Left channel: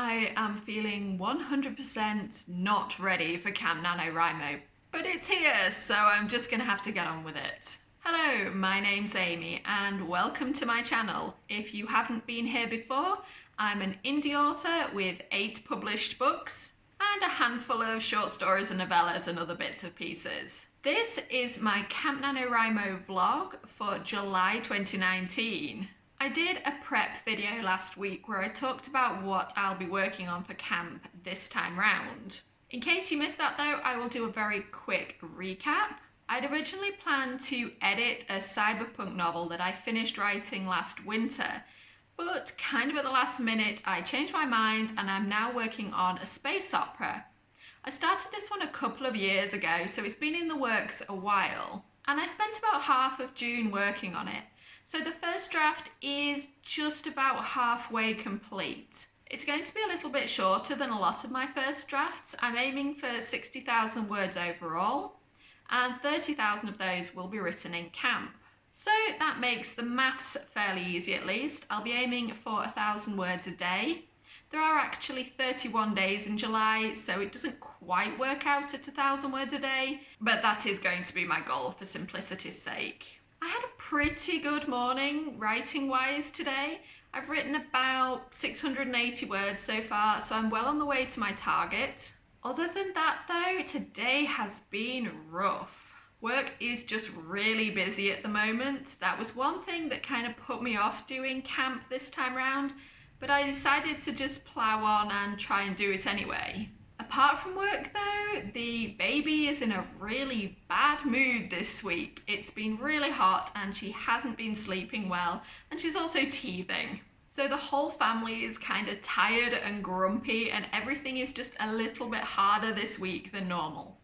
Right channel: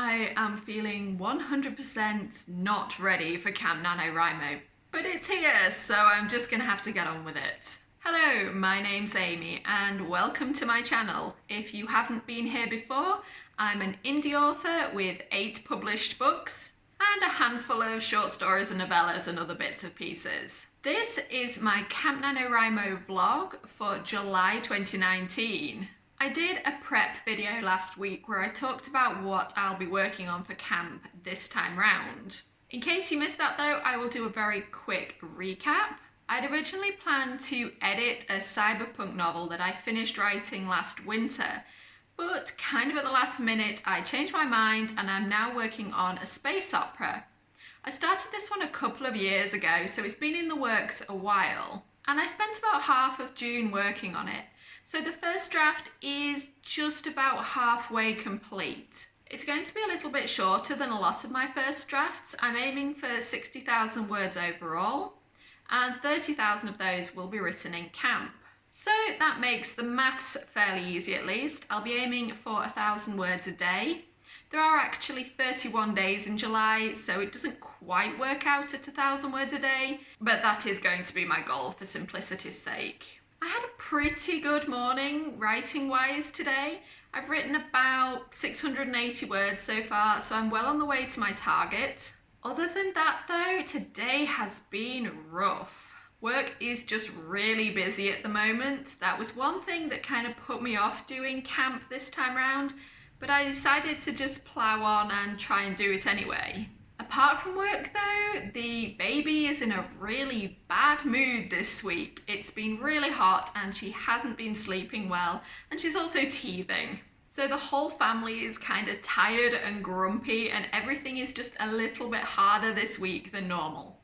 I am feeling 100% not ready for Camp NaNoWriMo, but it's here, so I'm just gonna have to get on with it. Hello, my name's Amy, and welcome to my channel. If you haven't been here before, I'm an indie author with 8 published books and a handful of short stories and novellas and other bits and pieces. This is my Camp NaNoWriMo vlog for July 2019. I did a prep video last week where I talked about what I'll be working on for camp this time round. In case you missed that though, I will do a very quick recap. I'd originally planned to edit a cyberpunk novel that I finished writing last winter, but kind of at the last minute I changed my mind and I'm now working on a space opera. I started this one a couple of years ago, so it's been in the works a while, and I spent about half of June working on it. So the first draft is just about halfway complete. It's going to be a little bit shorter than a lot of my first drafts. I'm aiming for 60,000 words overall, and 30,000 of those will be written in camp. So that makes the maths fairly easy at least. I'll be aiming for 1,000 words a day. There are actually 31 days in July, so it doesn't quite work out at 1,000 words a day, but that is going to be my goal for simplicity's sake. I had a pretty good morning writing-wise today. I've written about 680 words so far, so I'm well on the way to my target. Other than that though, today has been rough. Work is just really busy at the moment. That was one thing that kind of put me off doing camp this time round, but I decided to just plow on and try and do it anyway. Apart from work though, the baby is in a really bad mood this week. It's been really hot and she hasn't been sleeping well, and she's also teething. So the whole family is kind of tired and grumpy, and everything is just a little bit harder this week than normal.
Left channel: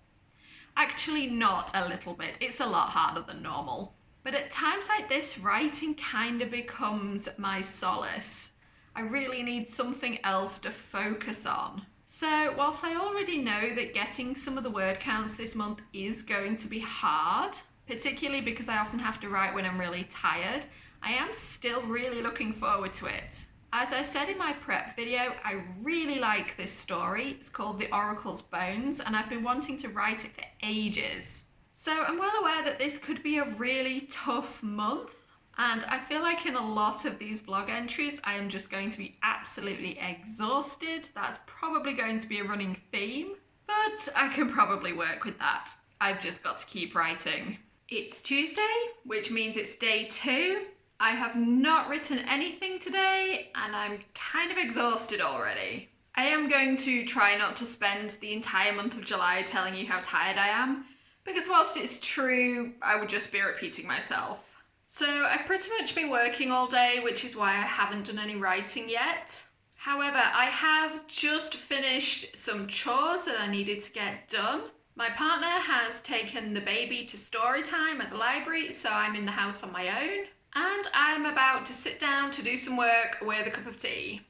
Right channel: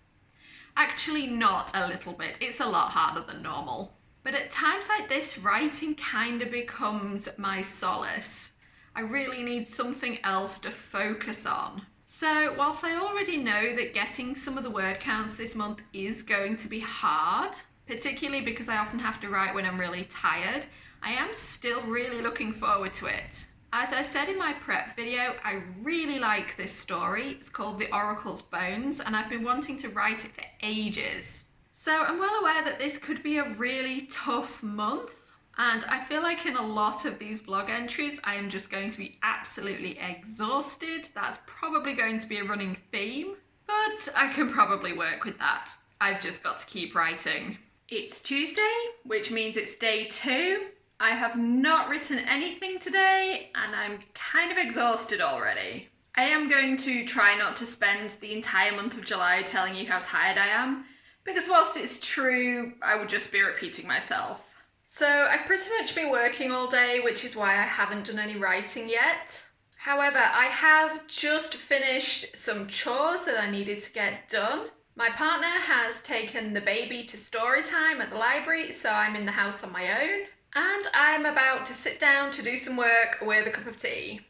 Actually, not a little bit, it's a lot harder than normal. But at times like this, writing kind of becomes my solace. I really need something else to focus on. So whilst I already know that getting some of the word counts this month is going to be hard, particularly because I often have to write when I'm really tired, I am still really looking forward to it. As I said in my prep video, I really like this story. It's called The Oracle's Bones, and I've been wanting to write it for ages. So I'm well aware that this could be a really tough month. And I feel like in a lot of these blog entries, I am just going to be absolutely exhausted. That's probably going to be a running theme, but I can probably work with that. I've just got to keep writing. It's Tuesday, which means it's day 2. I have not written anything today, and I'm kind of exhausted already. I am going to try not to spend the entire month of July telling you how tired I am, because whilst it's true, I would just be repeating myself. So I've pretty much been working all day, which is why I haven't done any writing yet. However, I have just finished some chores that I needed to get done. My partner has taken the baby to story time at the library, so I'm in the house on my own. And I'm about to sit down to do some work with a cup of tea.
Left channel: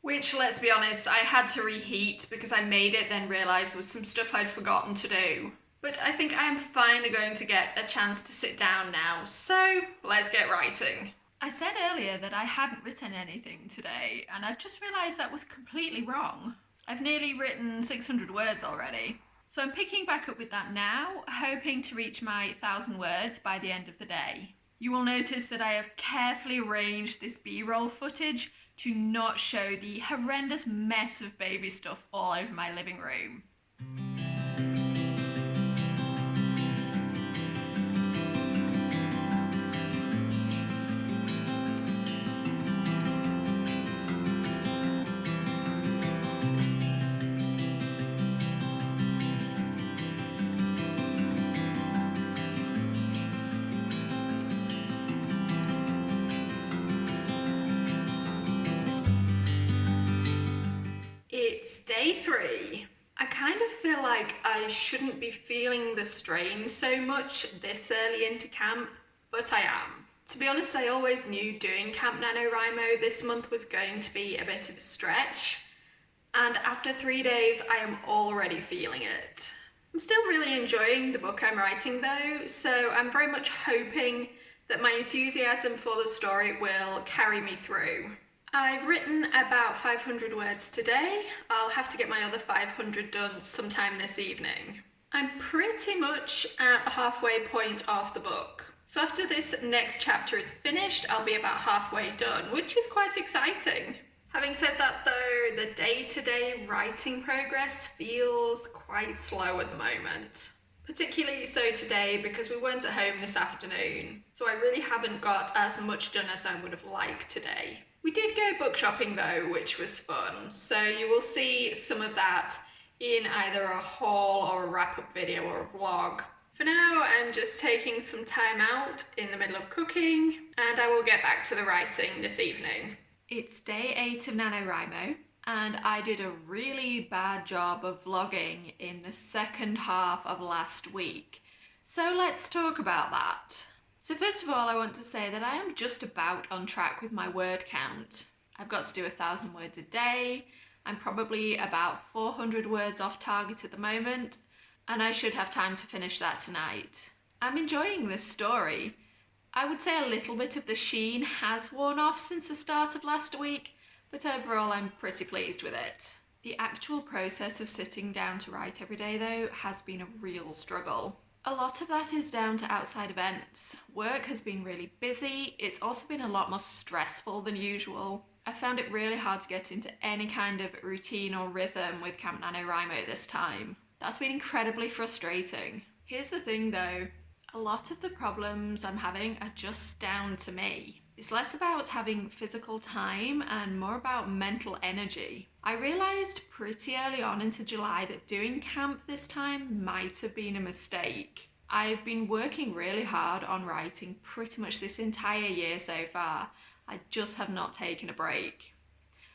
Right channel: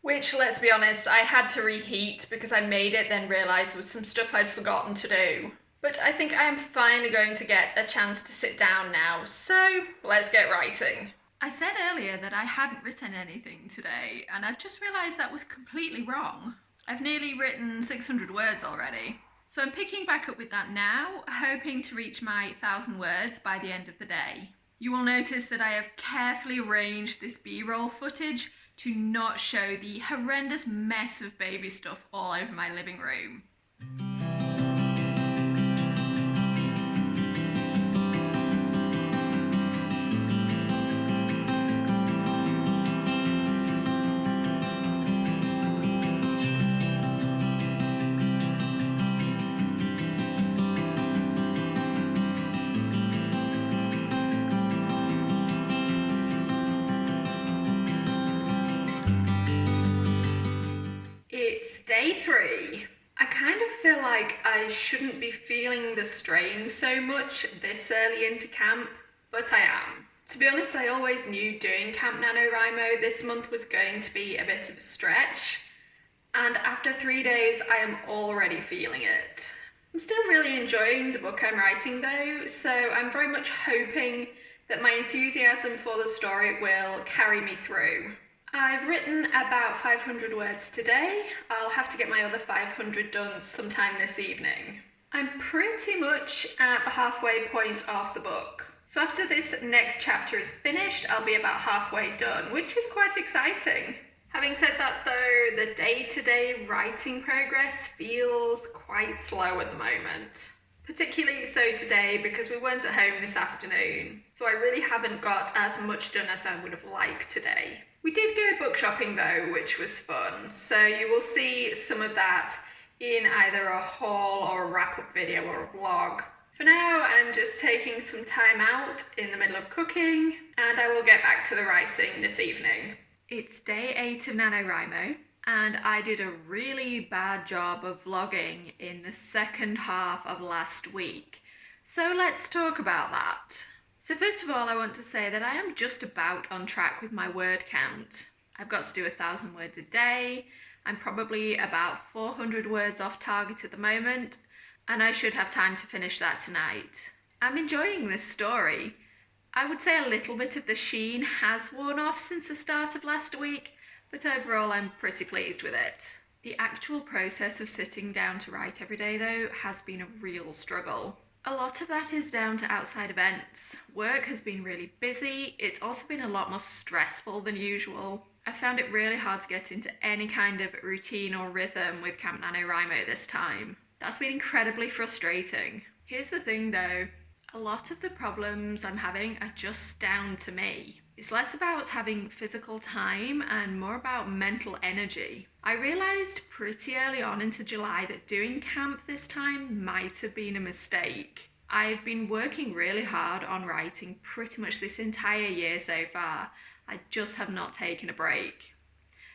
Which, let's be honest, I had to reheat because I made it, then realised there was some stuff I'd forgotten to do. But I think I am finally going to get a chance to sit down now, so let's get writing. I said earlier that I hadn't written anything today, and I've just realised that was completely wrong. I've nearly written 600 words already. So I'm picking back up with that now, hoping to reach my 1,000 words by the end of the day. You will notice that I have carefully arranged this B-roll footage to not show the horrendous mess of baby stuff all over my living room. It's day 3. I kind of feel like I shouldn't be feeling the strain so much this early into camp, but I am. To be honest, I always knew doing Camp NaNoWriMo this month was going to be a bit of a stretch, and after 3 days I am already feeling it. I'm still really enjoying the book I'm writing though, so I'm very much hoping that my enthusiasm for the story will carry me through. I've written about 500 words today. I'll have to get my other 500 done sometime this evening. I'm pretty much at the halfway point of the book. So after this next chapter is finished, I'll be about halfway done, which is quite exciting. Having said that though, the day-to-day writing progress feels quite slow at the moment. Particularly so today because we weren't at home this afternoon, so I really haven't got as much done as I would have liked today. We did go book shopping though, which was fun, so you will see some of that in either a haul or a wrap-up video or a vlog. For now, I'm just taking some time out in the middle of cooking, and I will get back to the writing this evening. It's day 8 of NaNoWriMo, and I did a really bad job of vlogging in the second half of last week. So let's talk about that. So first of all, I want to say that I am just about on track with my word count. I've got to do 1,000 words a day. I'm probably about 400 words off target at the moment, and I should have time to finish that tonight. I'm enjoying this story. I would say a little bit of the sheen has worn off since the start of last week, but overall I'm pretty pleased with it. The actual process of sitting down to write every day though has been a real struggle. A lot of that is down to outside events. Work has been really busy. It's also been a lot more stressful than usual. I found it really hard to get into any kind of routine or rhythm with Camp NaNoWriMo this time. That's been incredibly frustrating. Here's the thing though, a lot of the problems I'm having are just down to me. It's less about having physical time and more about mental energy. I realised pretty early on into July that doing camp this time might have been a mistake. I've been working really hard on writing pretty much this entire year so far. I just have not taken a break.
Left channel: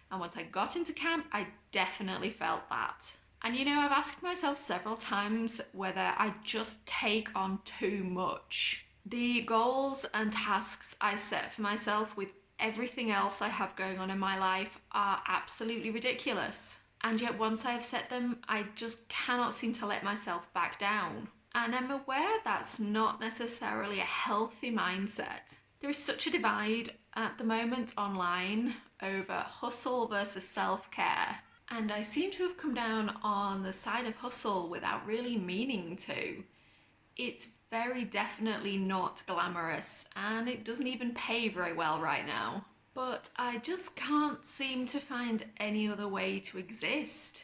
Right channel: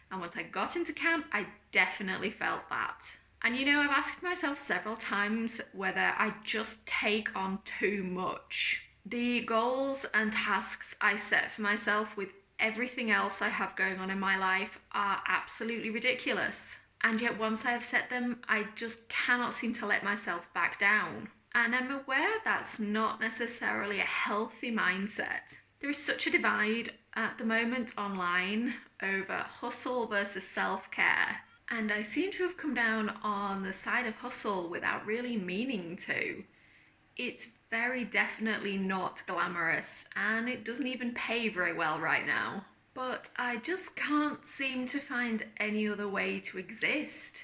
And once I got into camp, I definitely felt that. And you know, I've asked myself several times whether I just take on too much. The goals and tasks I set for myself with everything else I have going on in my life are absolutely ridiculous. And yet once I have set them, I just cannot seem to let myself back down. And I'm aware that's not necessarily a healthy mindset. There is such a divide at the moment online over hustle versus self-care. And I seem to have come down on the side of hustle without really meaning to. It's very definitely not glamorous, and it doesn't even pay very well right now. But I just can't seem to find any other way to exist.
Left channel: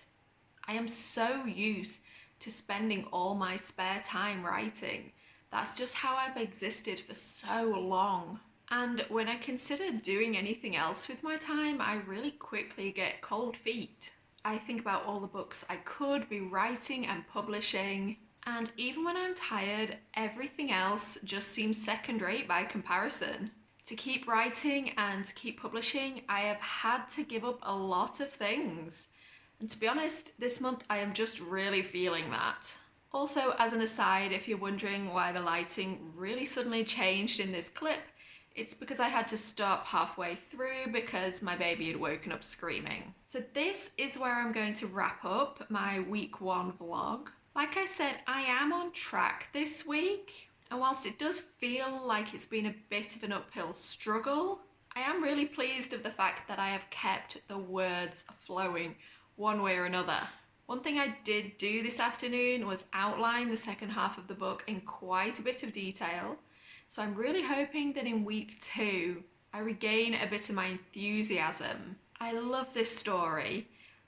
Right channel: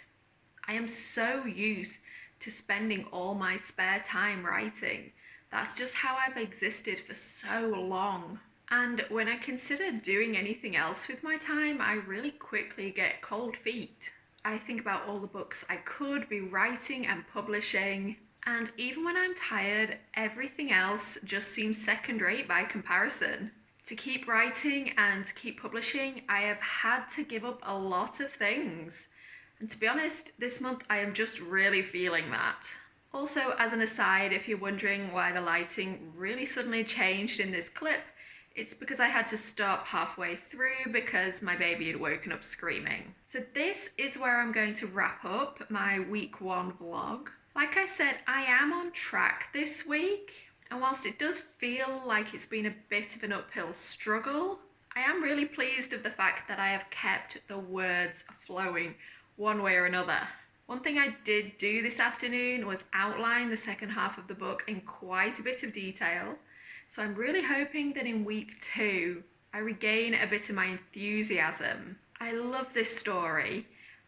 I am so used to spending all my spare time writing. That's just how I've existed for so long. And when I consider doing anything else with my time, I really quickly get cold feet. I think about all the books I could be writing and publishing, and even when I'm tired, everything else just seems second rate by comparison. To keep writing and to keep publishing, I have had to give up a lot of things. And to be honest, this month I am just really feeling that. Also, as an aside, if you're wondering why the lighting really suddenly changed in this clip, it's because I had to stop halfway through because my baby had woken up screaming. So this is where I'm going to wrap up my week 1 vlog. Like I said, I am on track this week, and whilst it does feel like it's been a bit of an uphill struggle, I am really pleased of the fact that I have kept the words flowing one way or another. One thing I did do this afternoon was outline the second half of the book in quite a bit of detail. So I'm really hoping that in week 2, I regain a bit of my enthusiasm. I love this story.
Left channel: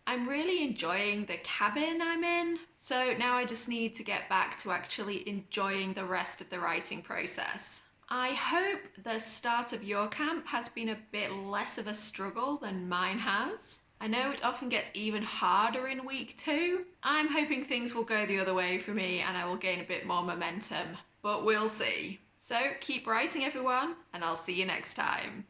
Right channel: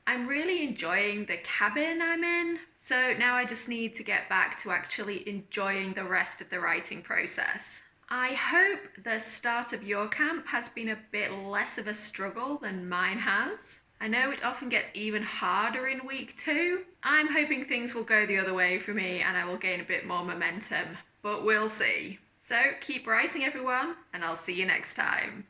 I'm really enjoying the cabin I'm in. So now I just need to get back to actually enjoying the rest of the writing process. I hope the start of your camp has been a bit less of a struggle than mine has. I know it often gets even harder in week 2. I'm hoping things will go the other way for me and I will gain a bit more momentum, but we'll see. So keep writing everyone, and I'll see you next time.